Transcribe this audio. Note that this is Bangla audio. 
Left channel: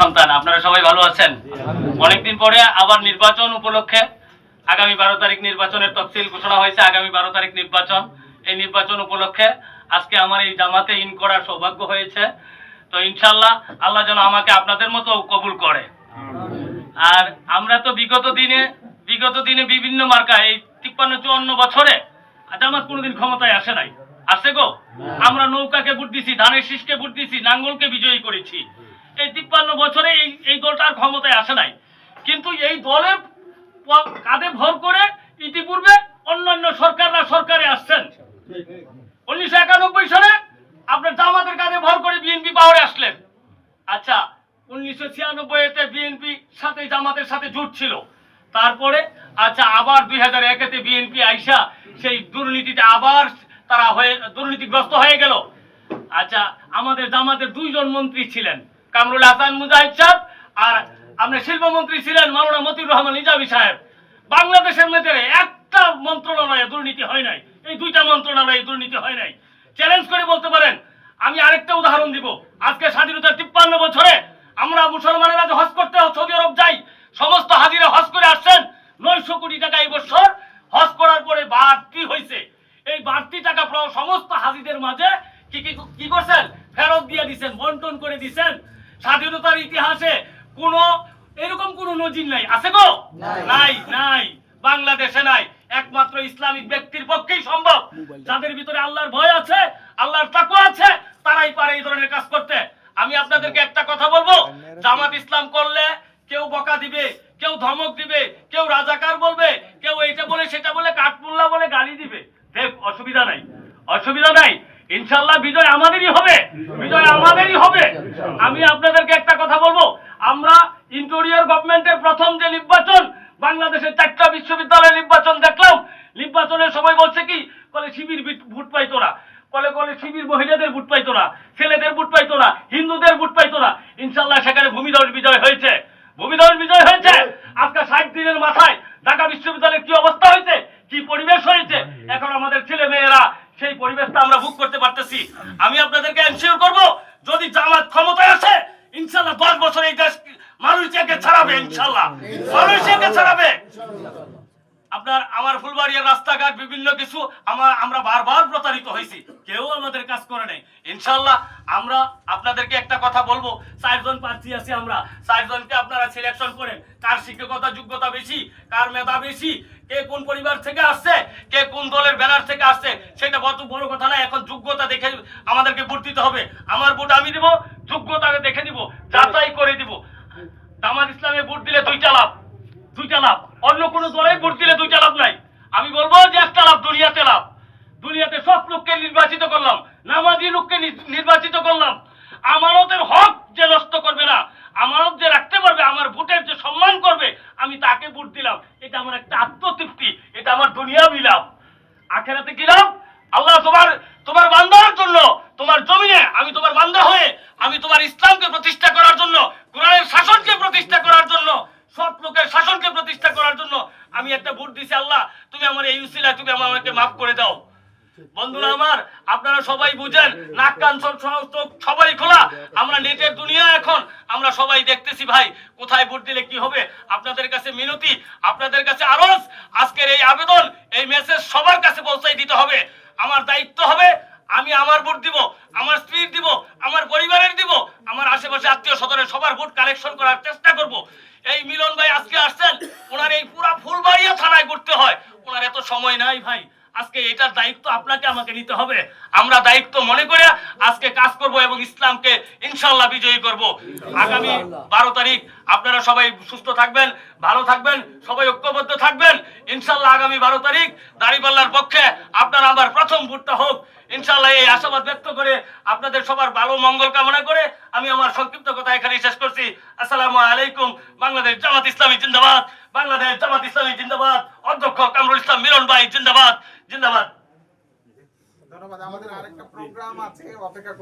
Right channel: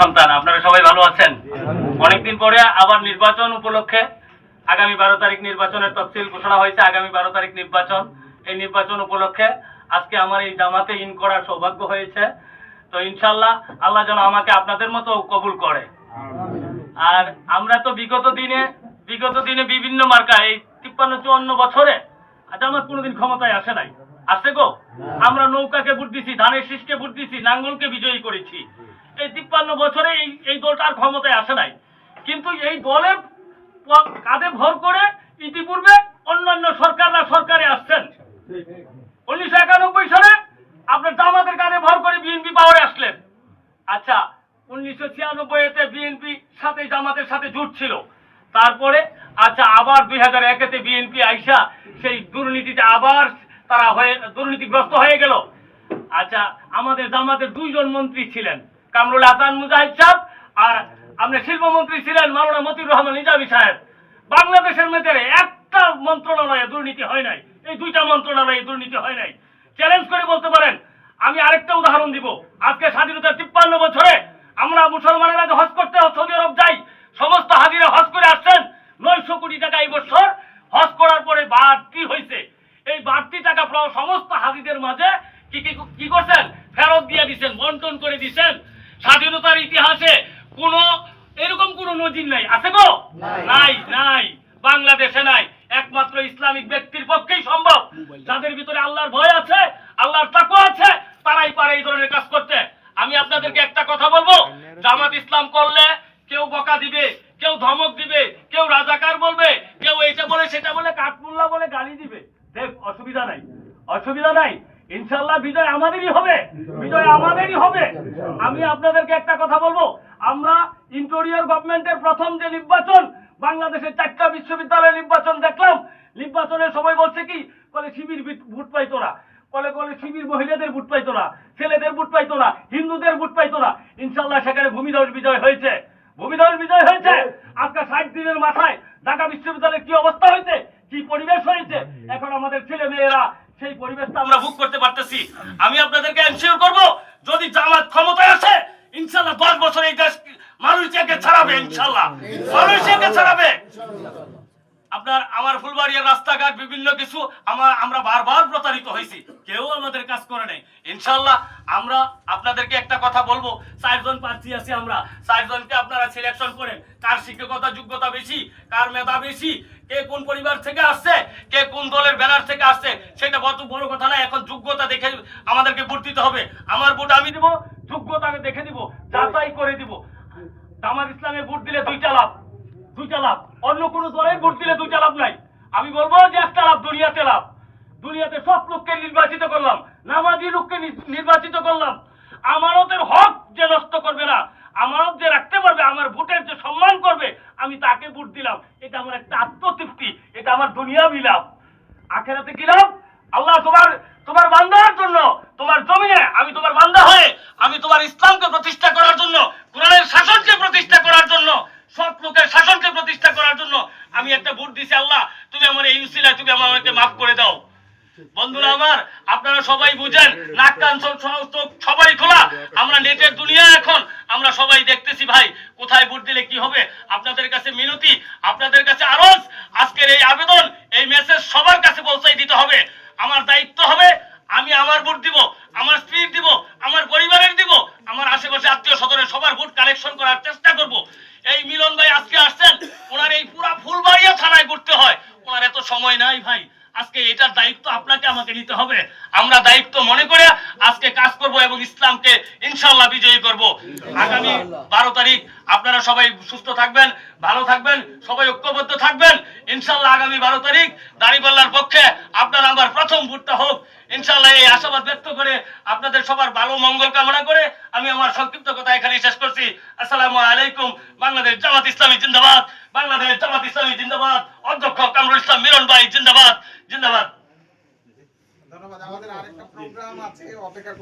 সন্তান, আপনারা সবাই ভালো আছেন? অনেকদিন পরে আবার নির্বাচন উপলক্ষে আগামী 12 তারিখ নির্বাচনের তফসিল ঘোষণা হয়েছে। আগামী 12 তারিখ নির্বাচন, এই নির্বাচন উপলক্ষে আজকে আমার এই জামাতে ইন করার সৌভাগ্য হয়েছে। তো ইনশাল্লাহ আল্লাহ যেন আমাকে আপনাদের মতো কবুল করে। আর আমরা তো বিগত দিনে বিভিন্ন মার্কা, এই 53-54 বছরে জামাত কোনোদিন ক্ষমতায় আসে নাই। আসে গো? আমরা নৌকাকে ভোট দিছি, ধানের শীষকে ভোট দিছি, নাঙ্গলকে বিজয়ী করেছি। এই 53 বছরে এই দলটা আর ক্ষমতায় আসে নাই। কিন্তু এই দলে কাঁধে ভর করে ইতিপূর্বে অন্যান্য সরকারে আসছেন। 1991 সালে আপনার জামাতের কাঁধে ভর করে বিএনপি পাওয়ারে আসলেন। আচ্ছা, 1996-তে বিএনপি সাথে জামাতের সাথে জোট ছিল। তারপরে আচ্ছা আবার 2001-তে বিএনপি আইসা সেই দুর্নীতিতে আবার তারা দুর্নীতিগ্রস্ত হয়ে গেল। আচ্ছা, আমাদের জামাতের 2 জন মন্ত্রী ছিলেন, কামরুল হাসান মুজাহিদ সাহেব, আর আপনার শিল্পমন্ত্রী ছিলেন মাওলানা মতিউর রহমান নিজামী সাহেব। বাংলাদেশের মধ্যে একটা মন্ত্রণালয়ে দুর্নীতি হয় নাই, এই 2টা মন্ত্রণালয়ে দুর্নীতি হয় নাই। চ্যালেঞ্জ করে বলতে পারেন। আমি আরেকটা উদাহরণ দিব। আজকে স্বাধীনতার 53 বছরে আমরা মুসলমানেরা যে হজ করতে সৌদি আরব যাই, সমস্ত হাজিরা হজ করে আসছেন। 900 কোটি টাকা এই বছর হজ করার পরে বাড়তি হয়েছে। এই বাড়তি টাকা সমস্ত হাজিদের মাঝে কি করছেন? ফেরত দিয়ে দিচ্ছেন, বন্টন করে দিচ্ছেন। স্বাধীনতার ইতিহাসে এরকম কোন নজির নাই। আছে গো? নাই, বাংলাদেশে নাই। একমাত্র ইসলামিক ব্যক্তির পক্ষেই সম্ভব, যাদের ভিতরে আল্লাহর ভয় আছে, আল্লাহর তাকওয়া আছে, তারাই পারে এই ধরনের কাজ করতে। আমি আপনাদেরকে একটা কথা বলবো, জামাত ইসলাম করলে কেউ বকা দিবে, কেউ ধমক দিবে, কেউ রাজাকার বলবে, কেউ এইটা বলে সেটা বলে, কাঠমুল্লা বলে গালি দিবে। দেখ, অসুবিধা নাই। ইনশাআল্লাহ বিজয় আমাদেরই হবে। আমি আপনাদেরকে একটা কথা বলবো, আমরা ইন্টেরিয়র গভর্নমেন্টের প্রথম যে নির্বাচন, বাংলাদেশের 4টা বিশ্ববিদ্যালয়ের নির্বাচন দেখলাম। নির্বাচনের সময় বলছে কি, বলে শিবির ভোট পাইতো না, বলে শিবির মহিলাদের ভোট পাইতো না, ছেলেদের ভোট পাইতো না, হিন্দুদের ভোট পাইতো না। ইনশাআল্লাহ সেখানে ভূমিধস বিজয় হয়েছে। আজকে 60 দিনের মাথায় ঢাকা বিশ্ববিদ্যালয়ের কি অবস্থা হয়েছে, কি পরিবেশ হয়েছে, এখন আমাদের ছেলে মেয়েরা সেই পরিবেশটা আমরা ভোগ করতে পারতেছি। আমি আপনাদেরকে এনশিওর করব, যদি জামাত ক্ষমতায় আসে, ইনশাআল্লাহ 10 বছর এই দেশ মালয়েশিয়াকে ছাড়াবে। ইনশাআল্লাহ মালয়েশিয়াকে ছাড়াবে। আমার ফুলবাড়িয়ার রাস্তাঘাট বিভিন্ন কিছু আমরা বারবার প্রতারিত হয়েছি, কেউ আমাদের কাজ করে নাই। ইনশাআল্লাহ আমরা আপনাদেরকে একটা কথা বলবো, 4 জন প্রার্থী আছি আমরা, 4 জনকে আপনারা সিলেকশন করেন। কার শিক্ষকতা যোগ্যতা বেশি, কার মেধা বেশি, কে কোন পরিবার থেকে আসছে, কে কোন দলের ব্যানার থেকে আসছে, সেটা বড় কথা না। এখন যোগ্যতা দেখে আমাদেরকে ভোট দিতে হবে। আমার ভোট আমি দিব, যোগ্যতাকে দেখে দিব, যাচাই করে দিব। জামাত ইসলামে ভোট দিলে 2টা লাভ। অন্য কোন দলে ভোট দিলে 2টা লাভ নাই। আমি বলবো যে একটা লাভ, দুনিয়াতে সব লোককে নির্বাচিত করলাম, নামাজি লোককে নির্বাচিত করলাম। আমানতের হক যে নষ্ট করবে না, আমানত যে রাখতে পারবে, আমার ভোটের যে সম্মান করবে, আমি তাকে ভোট দিলাম। এটা আমার একটা আত্মতৃপ্তি, এটা আমার দুনিয়াবি লাভ। আখিরাতে কি লাভ? আল্লাহ তোমার বান্দার জন্য, তোমার জমিনে আমি তোমার বান্দা হয়ে, আমি তোমার ইসলামকে প্রতিষ্ঠা করার জন্য, কোরআনের শাসনকে প্রতিষ্ঠা করার জন্য, সৎ লোকের শাসনকে প্রতিষ্ঠা করার জন্য আমি একটা ভোট দিছি। আল্লাহ, তুমি আমার এই উসিলায় তুমি আমাকে মাফ করে দাও। বন্ধুরা আমার, আপনারা সবাই বুঝেন, নাক কান সবাই খোলা। আমরা নেটের দুনিয়া, এখন আমরা সবাই দেখতেছি ভাই, কোথায় ভোট দিলে কি হবে। আপনাদের কাছে মিনতি, আপনাদের কাছে আরজ, আজকের এই আবেদন, এই মেসেজ সবার কাছে পৌঁছাই দিতে হবে। আমার দায়িত্ব হবে, আমি আমার ভোট দিব, আমার স্ত্রীর দিব, আমার পরিবারের দিব, আমার আশেপাশে আত্মীয় স্বজনের সবার ভোট কালেকশন করার চেষ্টা করব। এই মিলন ভাই আজকে আসছেন, ওনার এই পুরা ফুলবাড়িয়া থানায় করতে হয়, ওনার এত সময় নাই ভাই। আজকে এটার দায়িত্ব আপনাকে আমাকে নিতে হবে। আমরা দায়িত্ব মনে করে আজকে কাজ করব এবং ইসলামকে ইনশাআল্লাহ বিজয়ী করব। আগামী 12 তারিখ আপনারা সবাই সুস্থ থাকবেন, ভালো থাকবেন, সবাই ঐক্যবদ্ধ থাকবেন। ইনশাআল্লাহ আগামী 12 তারিখ দাঁড়িপাল্লার পক্ষে আপনারা আমার প্রথম ভোটটা হোক। ইনশাআল্লাহ এই আশাবাদ ব্যক্ত করে, আপনাদের সবার ভালো মঙ্গল কামনা করে আমি আমার সংক্ষিপ্ত কথা এখানেই শেষ করছি। আসসালামু আলাইকুম। বাংলাদেশ জামাত ইসলামী জিন্দাবাদ, বাংলাদেশ জামাত ইসলামী জিন্দাবাদ, অধ্যক্ষ কামরুল ইসলাম মিলন ভাই জিন্দাবাদ। ধন্যবাদ। আমাদের আরেকটা প্রোগ্রাম আছে, অপেক্ষা